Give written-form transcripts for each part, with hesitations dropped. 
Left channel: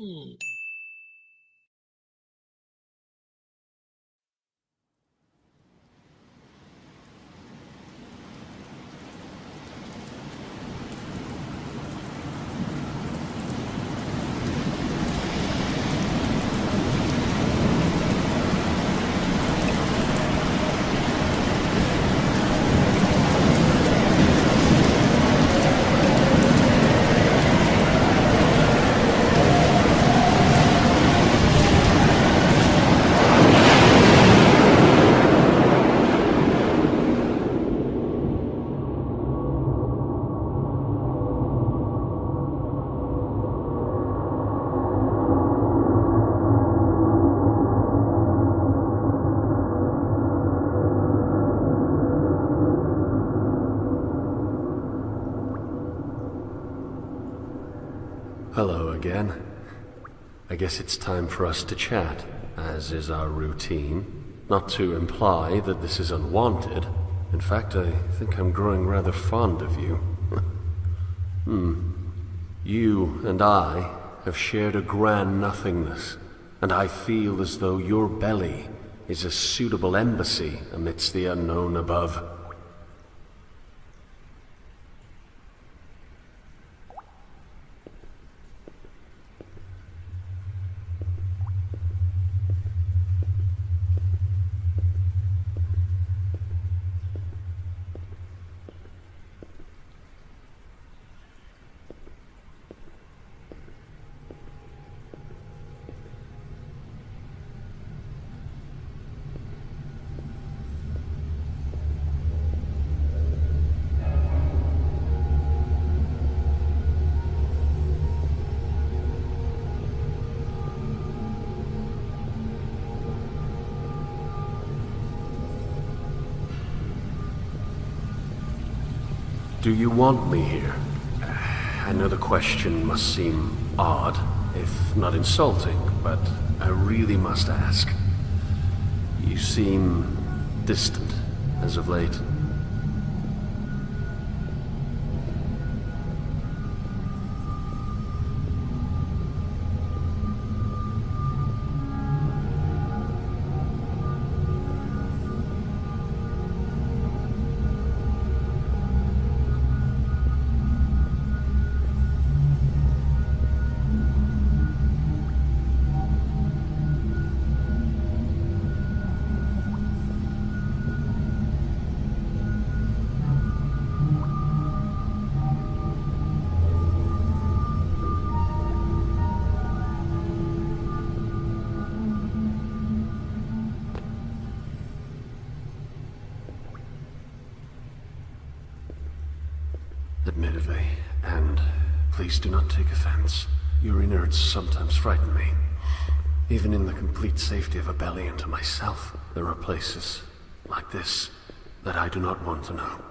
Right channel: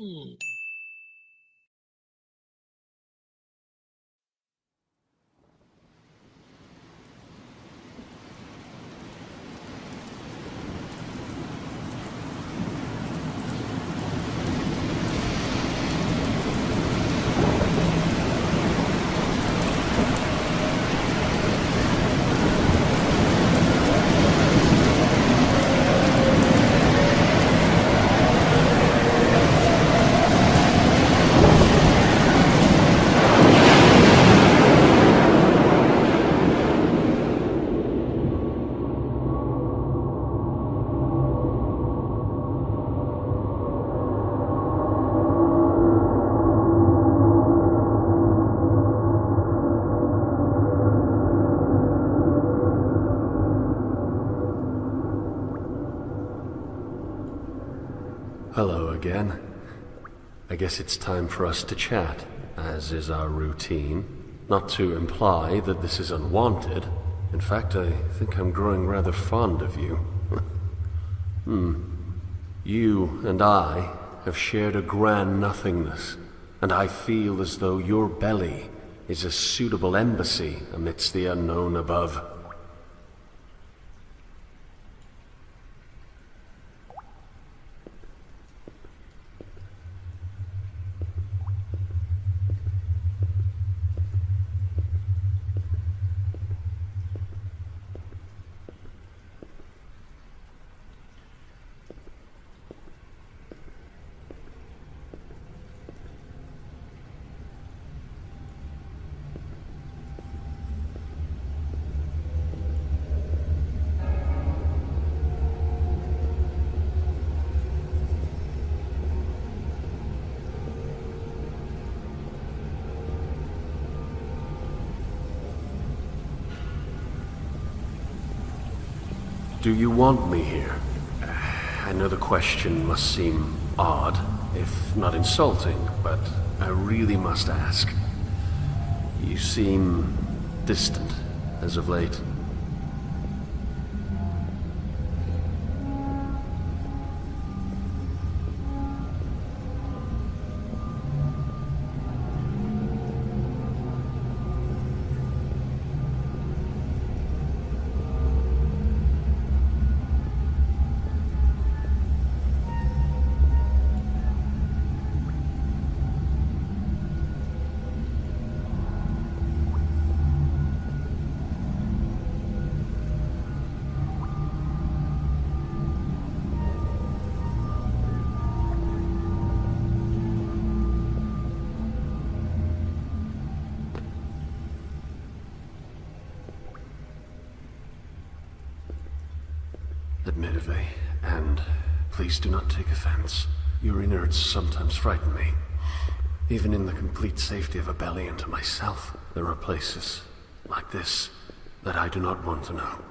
Hmm. Hello again. I guess it's time for us to chat, as is our routine. Not to imply that this is unwanted. In fact, I think I'm growing rather fond of you. You and I have shared a grand nothingness, and I feel as though your belly is a suitable embassy amidst the unknown above. Do you want me here? I know the question must seem odd, if not insulting, but I really must ask. You seem distant as of late. Admittedly, and please do not take offense, your innards sometimes frighten me. Even in the complete safety of a belly and to myself, there are places like this that I do not want to know.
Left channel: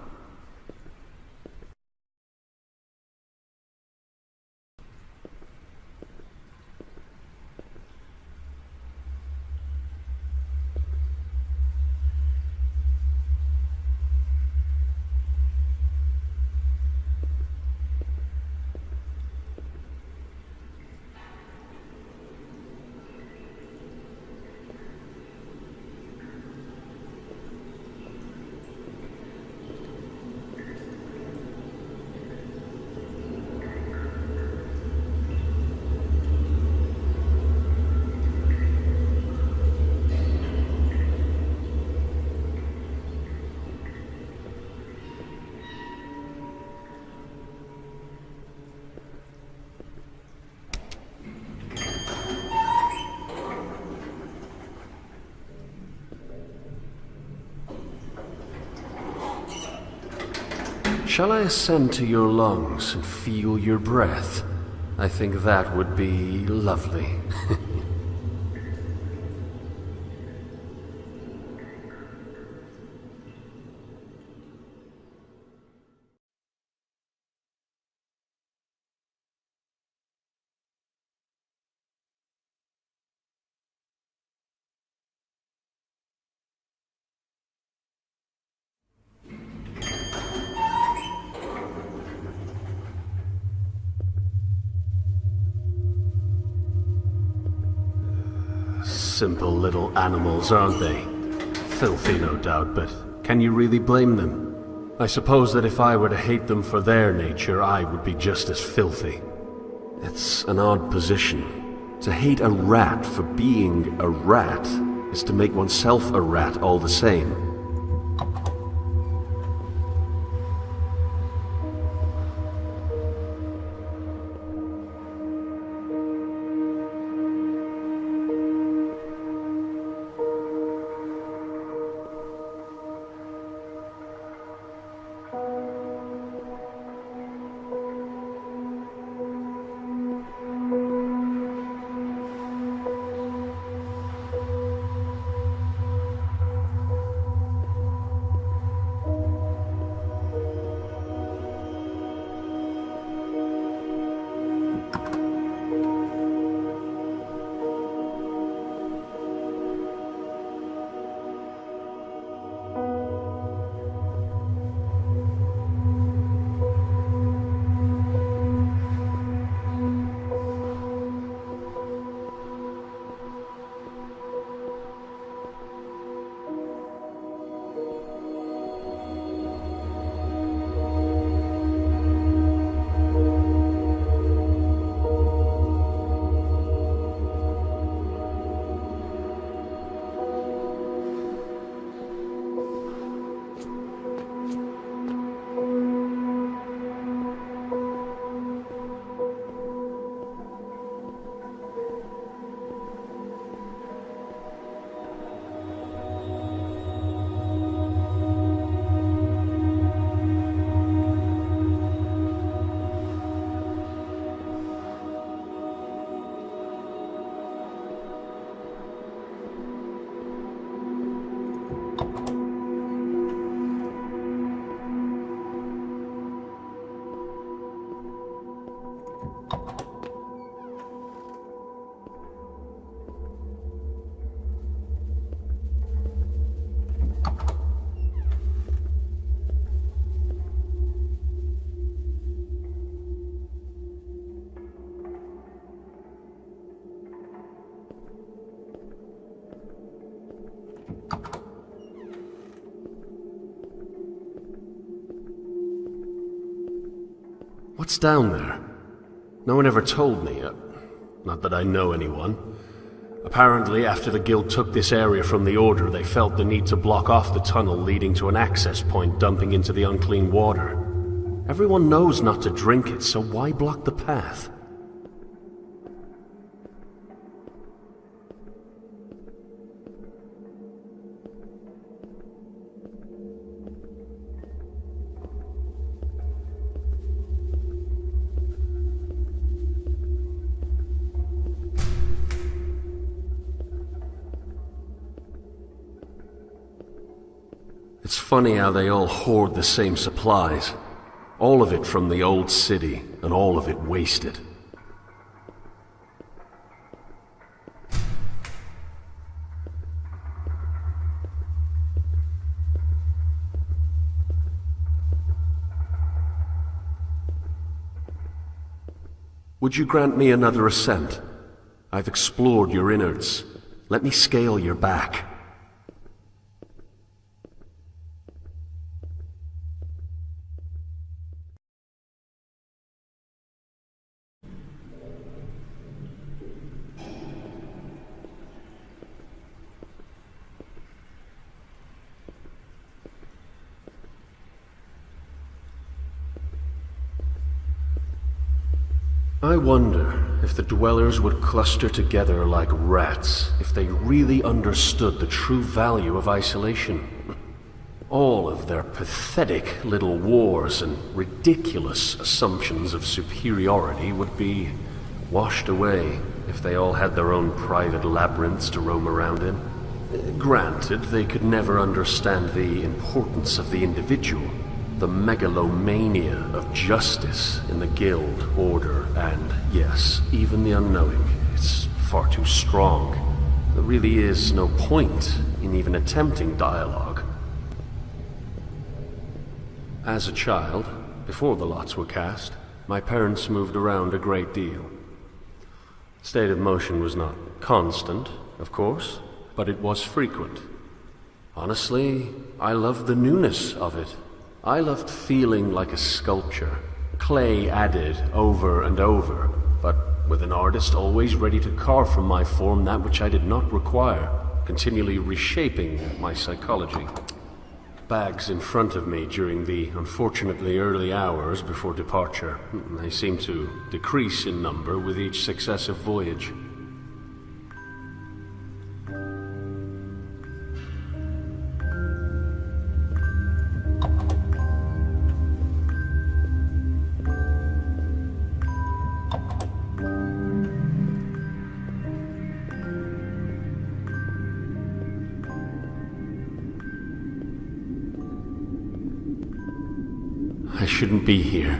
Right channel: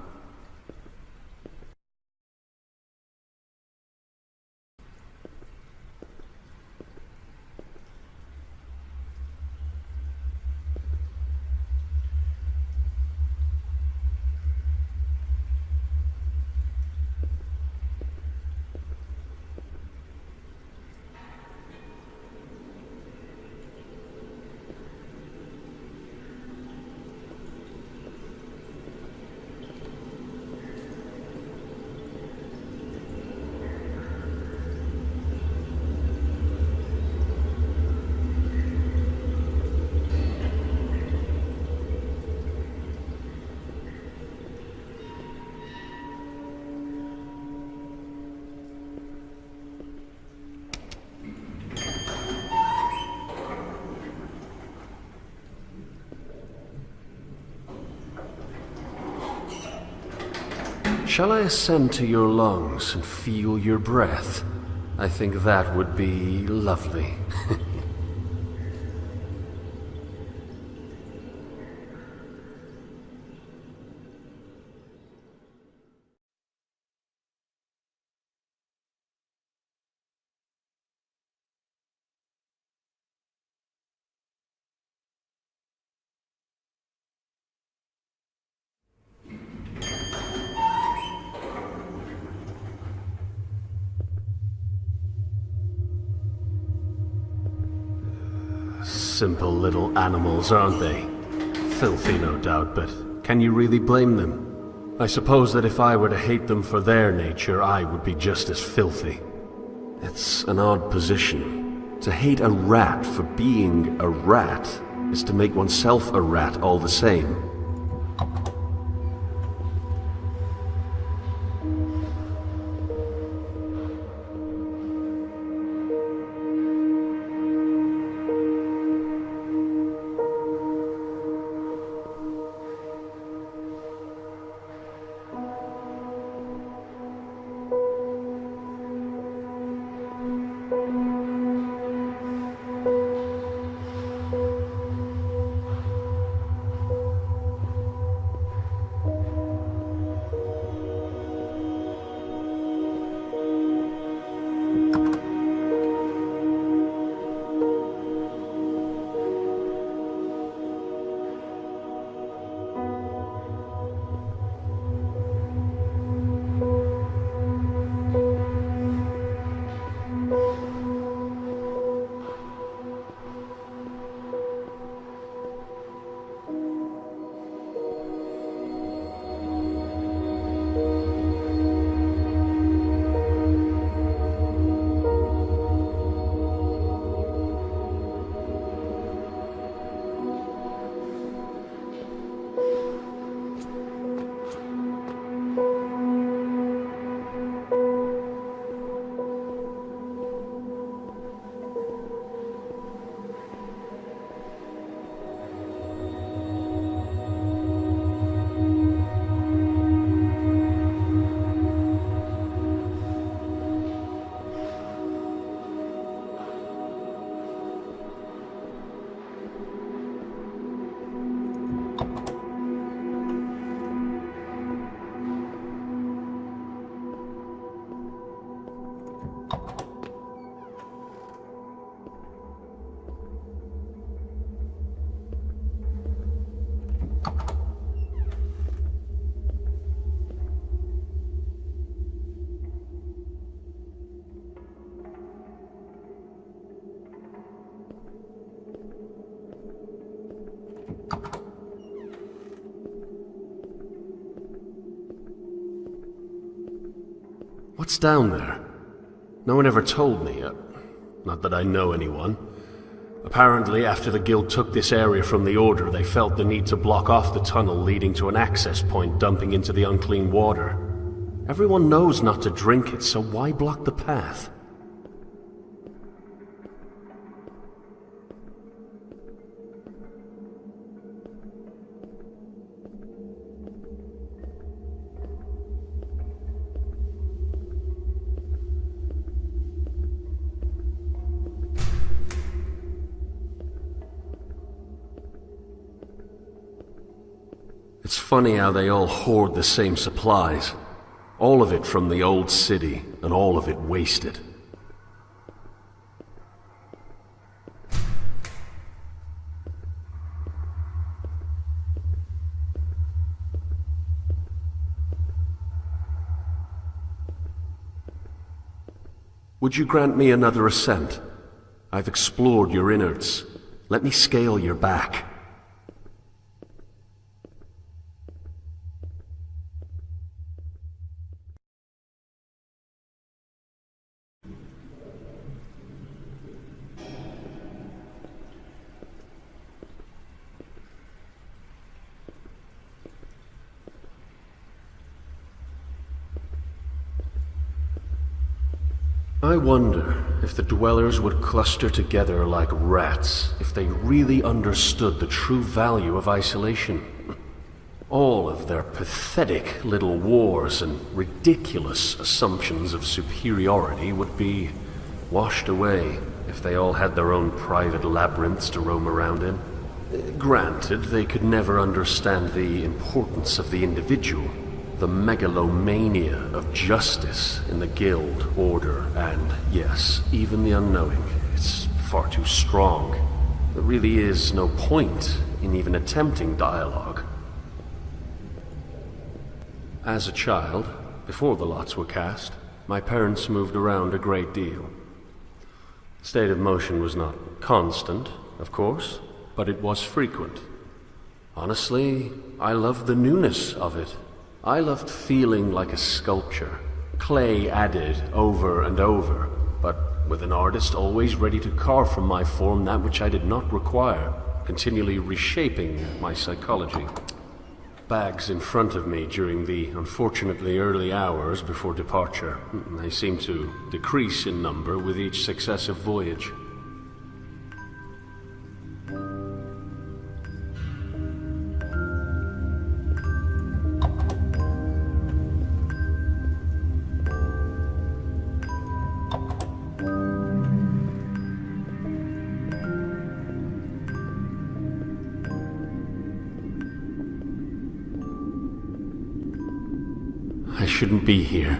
Shall I ascend to your lungs and feel your breath? I think that would be lovely. Simple little animals, aren't they? Filthy, no doubt, but can you really blame them? I suppose that if I were to hate them for their nature, I would be just as filthy. It's an odd position. To hate a rat for being a rat is to make oneself a rat all the same. What's down there? No one ever told me. Not that I know anyone. Apparently, after the Guild took this area from the Order, they felt the need to block off the tunnel leading to an access point dumping into the unclean water. Everyone knows not to drink it, so why block the path? It's funny how they all hoard the same supplies. All of it from the old city, and all of it wasted. Would you grant me another ascent? I've explored your innards. Let me scale your back. I wonder if the dwellers would cluster together like rats if they really understood the true value of isolation. All of their pathetic little wars and ridiculous assumptions of superiority would be washed away if they all had their own private labyrinths to roam around in. Granted, they could never understand the importance of the individual, the megalomania of justice in the Guild, Order, and, yes, even the unknowing. It's far too strong. There really is no point in even attempting dialogue. As a child, before the lots were cast, my parents moved around a great deal. State of motion was not constant, of course, but it was frequent. Honestly, I loved the newness of it. I loved feeling like a sculpture, clay added over and over, but with an artist always ready to carve from my form that which I did not require, continually reshaping my psychology. Bags in front of me during the unfortunately early hours before departure. They seemed to decrease in number with each successive voyage. I shouldn't be here.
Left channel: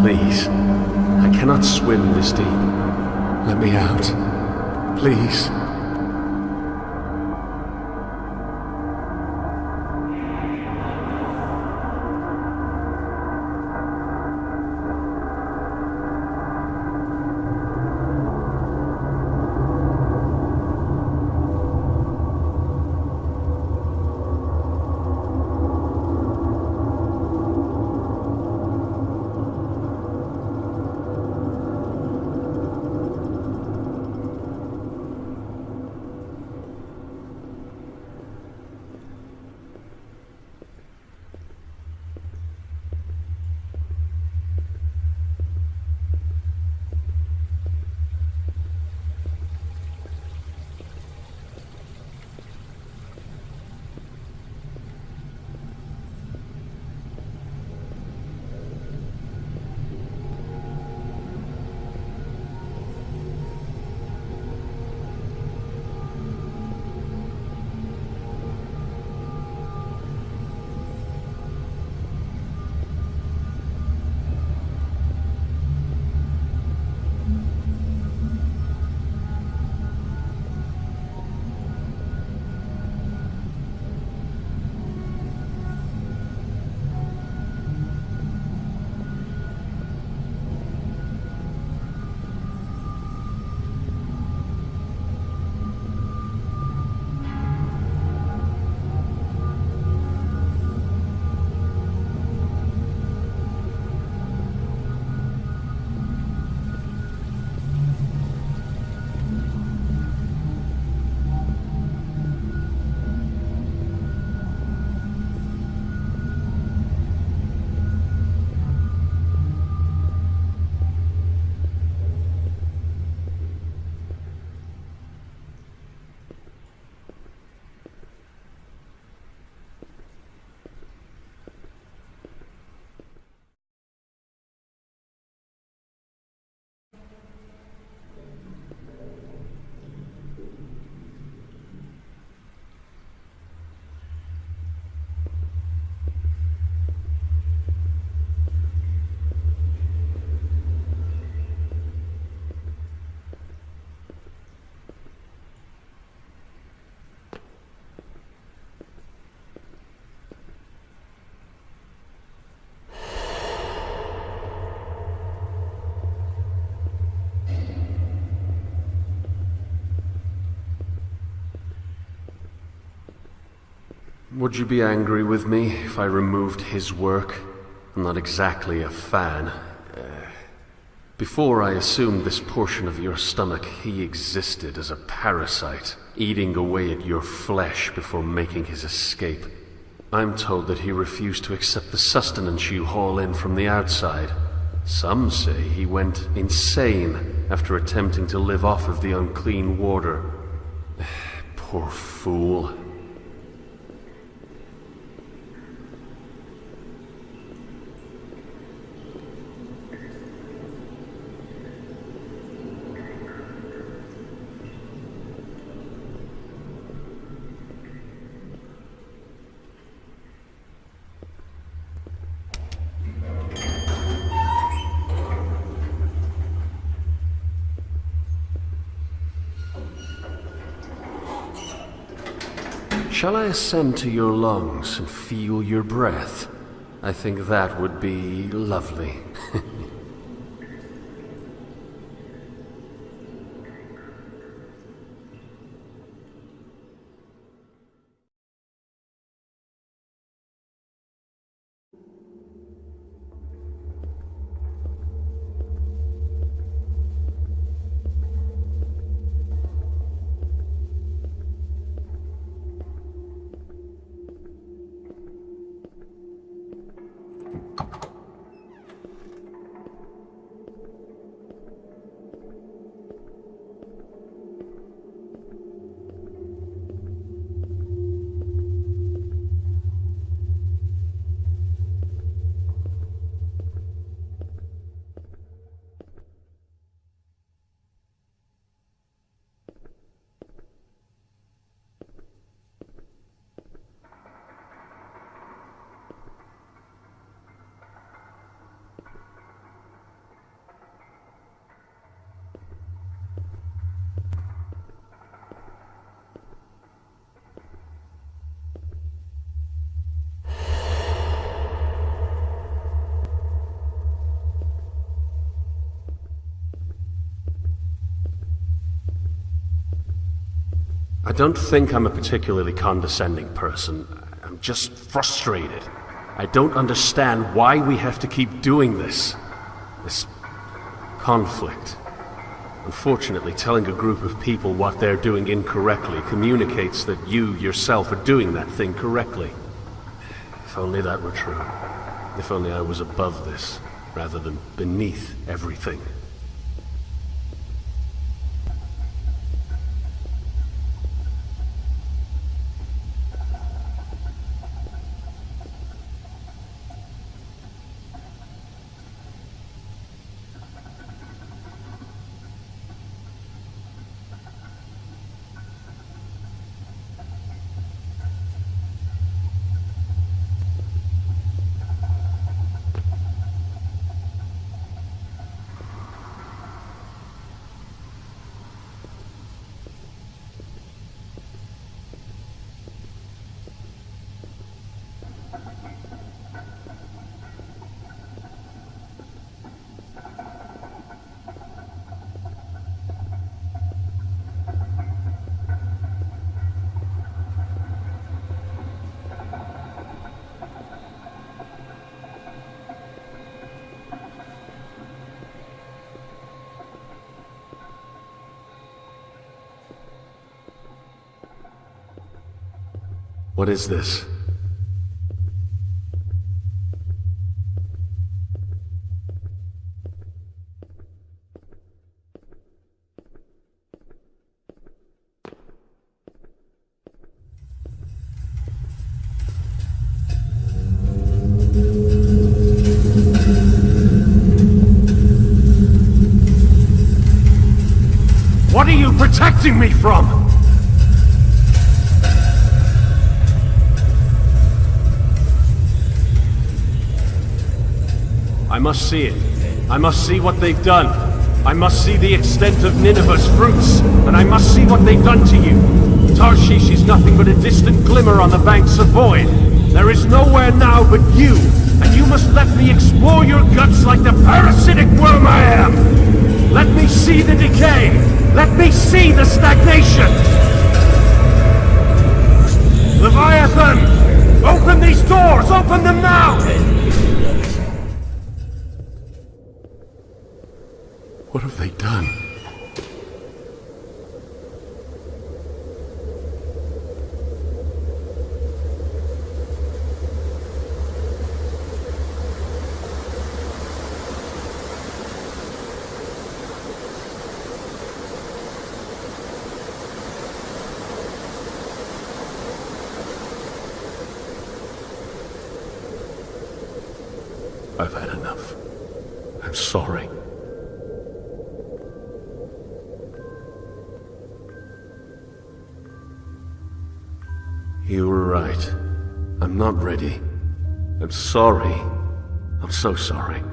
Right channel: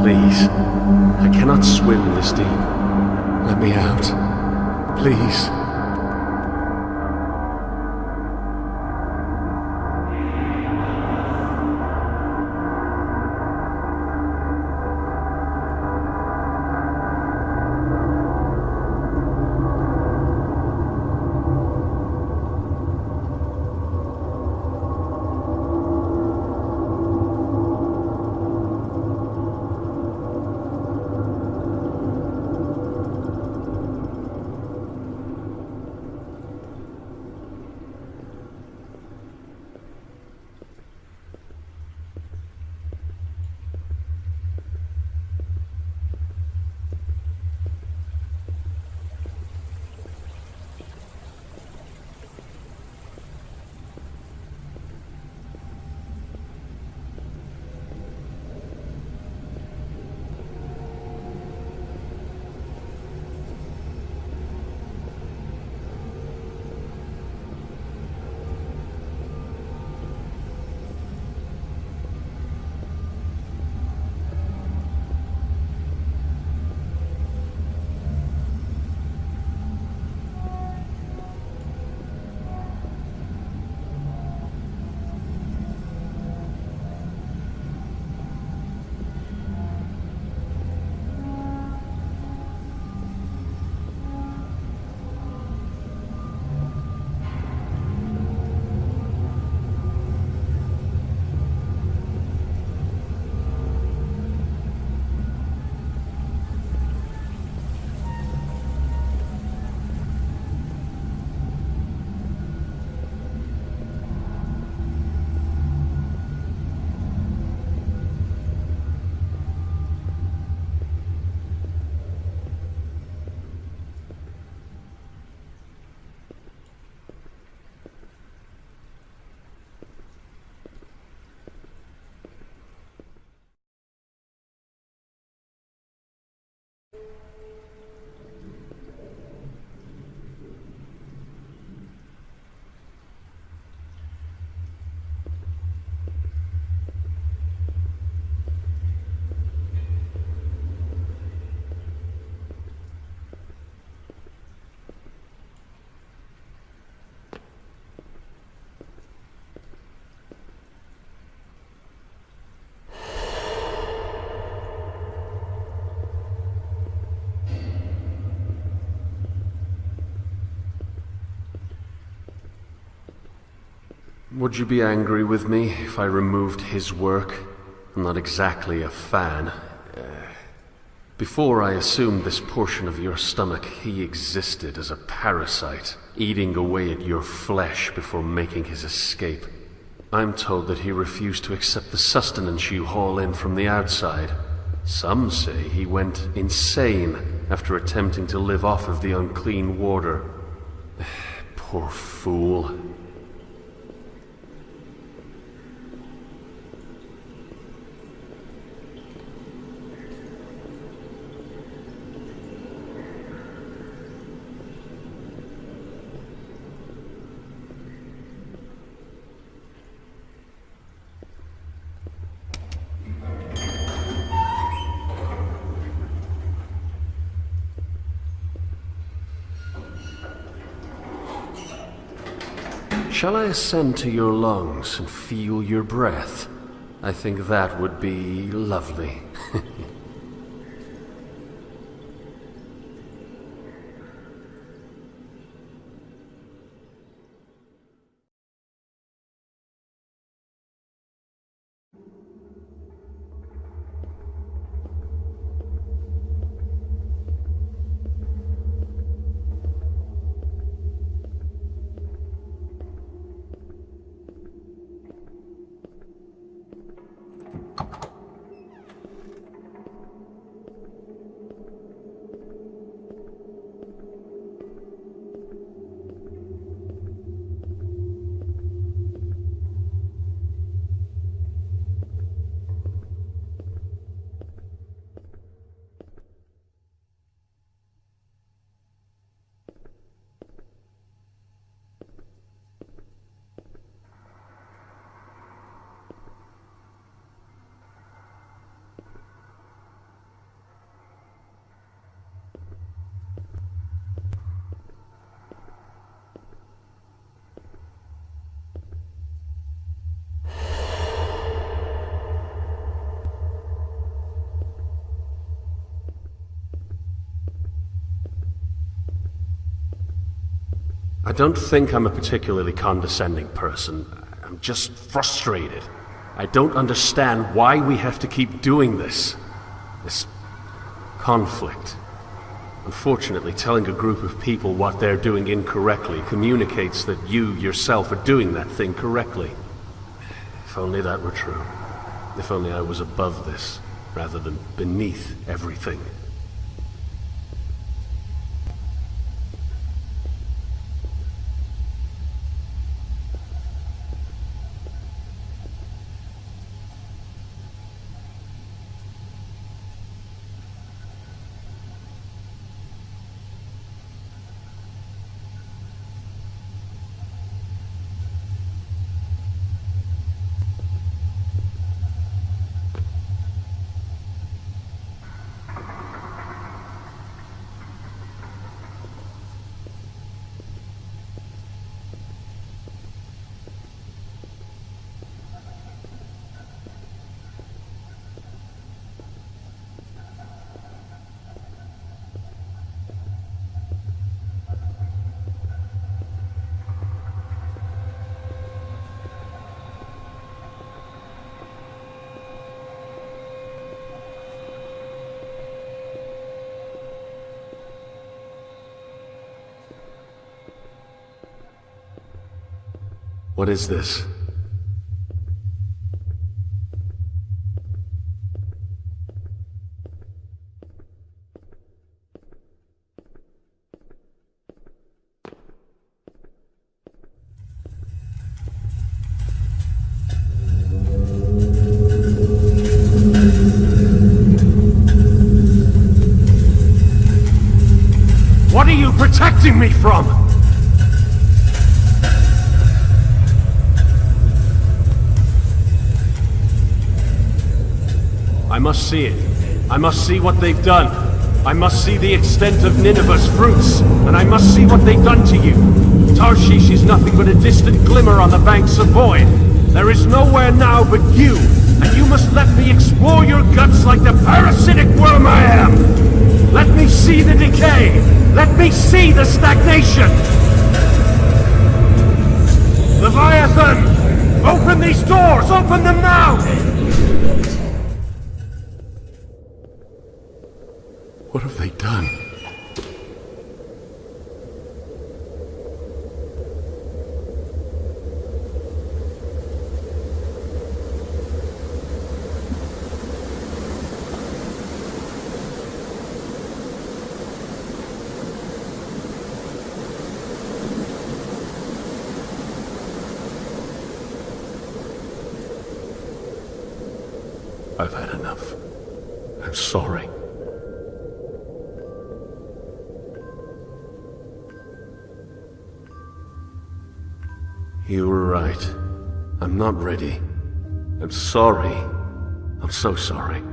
Please, I cannot swim this deep. Let me out. Please. Would you be angry with me if I removed his work? I'm not exactly a fan. Before I assumed this portion of your stomach, he existed as a parasite, eating away at your flesh before making his escape. I'm told that he refused to accept the sustenance you haul in from the outside. Some say he went insane after attempting to live off of the unclean water. Poor fool. Shall I ascend to your lungs and feel your breath? I think that would be lovely. I don't think I'm a particularly condescending person. I'm just frustrated. I don't understand why we have to keep doing this. This conflict. Unfortunately, telling a group of people what they're doing incorrectly communicates that you yourself are doing that thing correctly. If only that were true. If only I was above this, rather than beneath everything. What is this? What are you protecting me from? I must see it. I must see what they've done. I must see the extent of Nineveh's fruits, and I must see what they've done to you. Tarshish is nothing but a distant glimmer on the banks of void. There is nowhere now but you, and you must let me explore your guts like the parasitic worm I am. Let me see the decay. Let me see the stagnation. Leviathan! Open these doors! Open them now! What have they done? I've had enough. I'm sorry. You were right. I'm not ready. I'm sorry. I'm so sorry.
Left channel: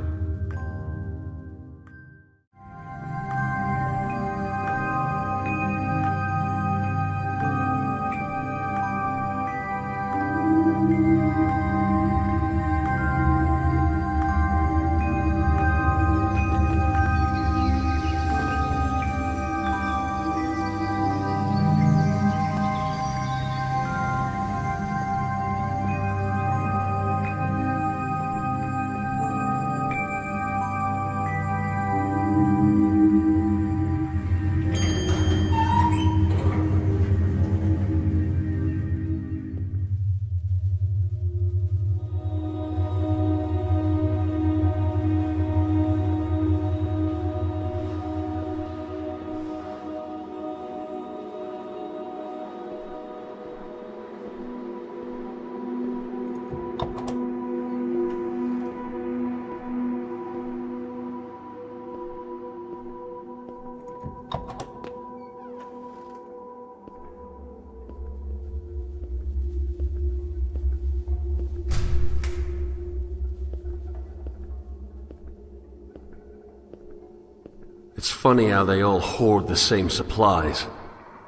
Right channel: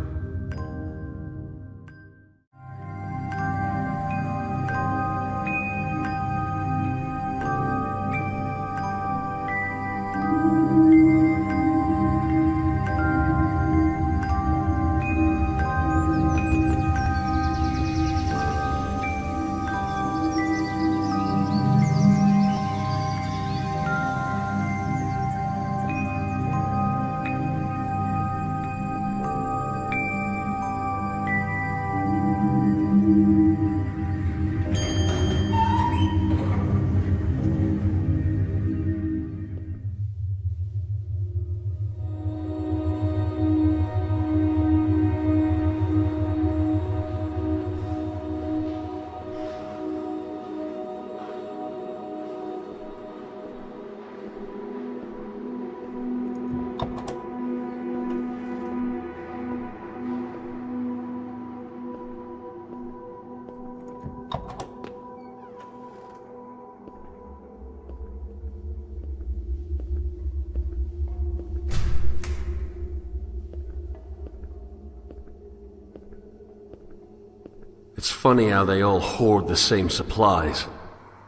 It's funny how they all hoard the same supplies.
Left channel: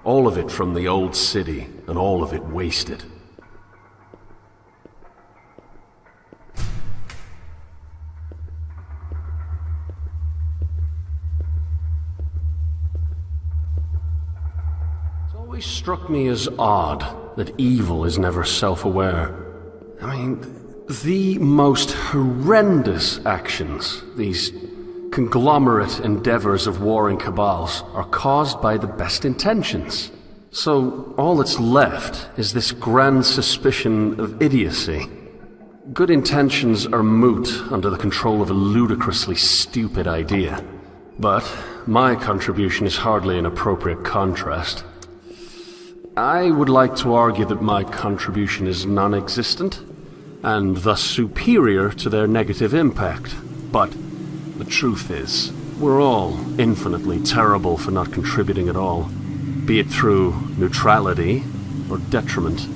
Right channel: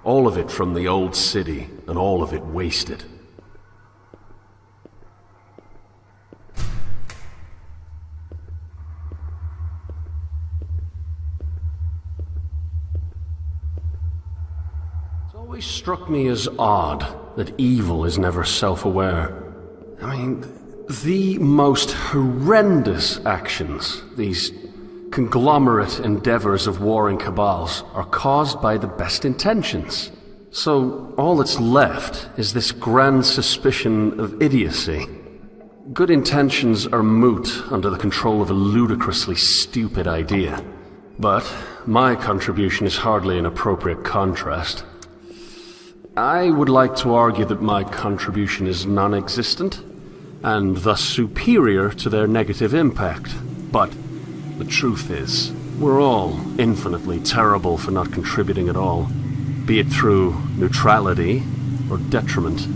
All of it from the old city, and all of it wasted. It's always struck me as odd that evil is never self-aware. I mean, the most horrendous actions, these conglomerate endeavors of warring cabals, are caused by the best intentions. So all that's left is this grand suspicion of idiocy. Good intentions are moot under the control of a ludicrously stupid idea. But my contribution is hardly an appropriate contrast. I would like to argue that my contribution is non-existent, and thus superior to their negative impact. But the truth is, we're all infinitely terrible for not contributing at all, be it through neutrality or detriment.